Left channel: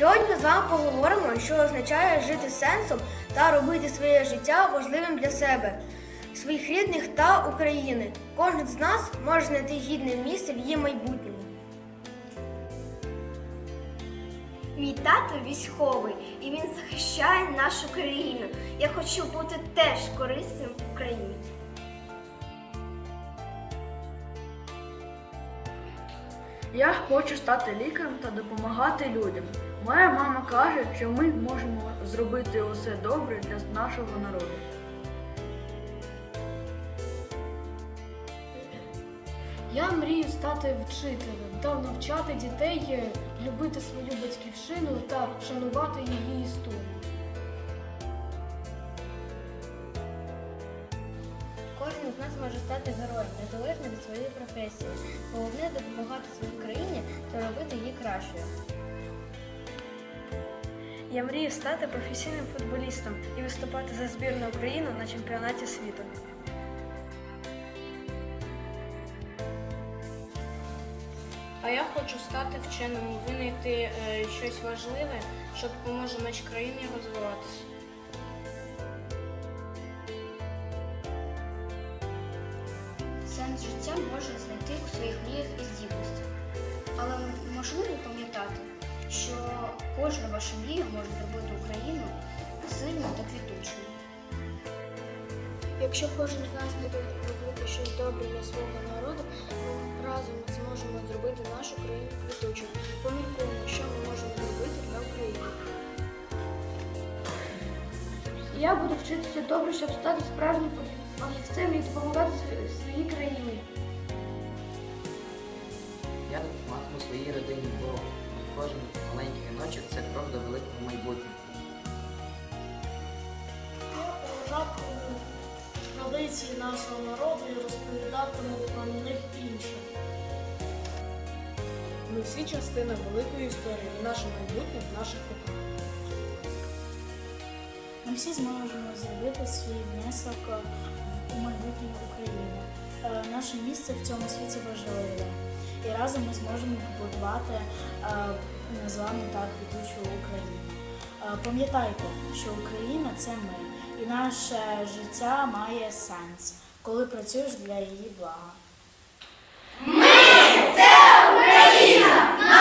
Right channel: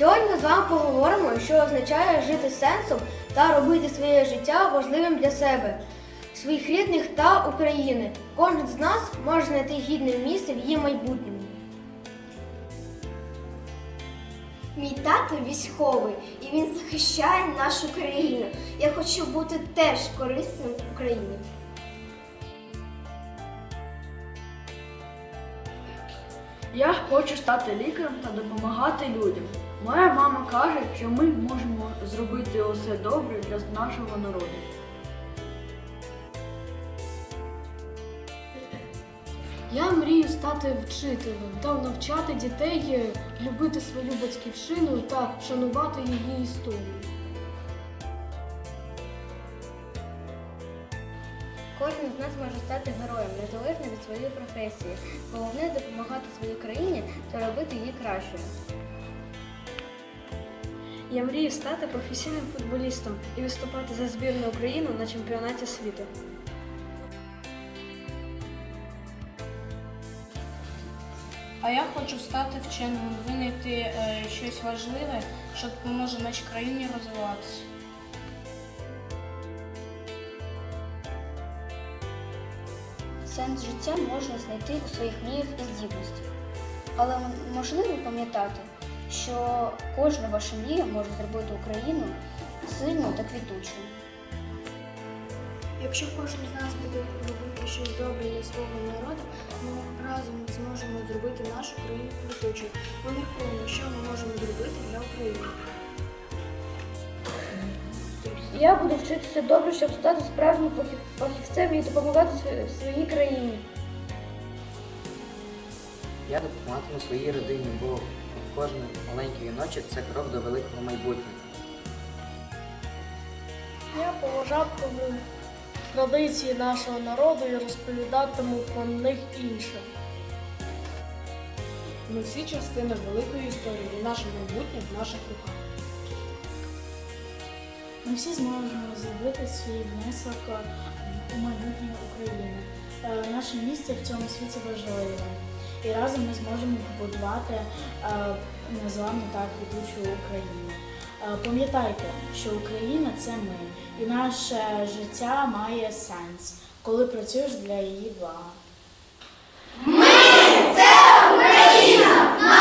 Сьогодні ми з вами поговоримо, що означає жити сенсом та робити своє життя важливим для себе, своїх рідних та України. Кожен з нас може знайти гідне місце в її майбутньому. Мій тато військовий і він захищає нашу країну. Я хочу бути теж корисним в Україні. Я хочу стати лікарем та допомагати людям. Моя мама каже, що ми можемо зробити усе добре для нашого народу. Я мрію стати вчителем та навчати дітей любити свою батьківщину та шанувати її історію. Кожен з нас може стати героєм, незалежно від своєї професії. Головне допомагати своїй її кращою. Я мрію стати професійним футболістом і виступати за збірну України на чемпіонаті світу. А я хочу стати вченим, винайти е, щось важливе, що допоможе нашій країні розвиватися. Сенс життя можна знайти у своїх мріях і здібностях. Але можливо пам'ятати, що кожна ваша мрія може зробити Україну сильною та квітучою. Якщо кожен з нас буде робити щось добре для свого народу, ми разом зможемо зробити нашу країну квітучою. Поміркуємо, що ми можемо зробити для України. Я буду вчитися добре, щоб стати справжнім фахівцем і допомагати своїй країні. Я допомагатиму своїй родині, бо кожен маленький віночок це крок до великого майбутнього. Я поважатиму традиції нашого народу і розповідатиму про них іншим. Ми всі частина великої історії, і наше майбутнє в наших руках. Ми всі зможемо зробити свій внесок у майбутнє України. Е, Наше місце в цьому світі важливе. І разом ми зможемо побудувати з вами так квітучу Україну. Е, Пам'ятайте, що Україна це ми, і наше життя має сенс, коли працюєш для її блага. Україна! Наше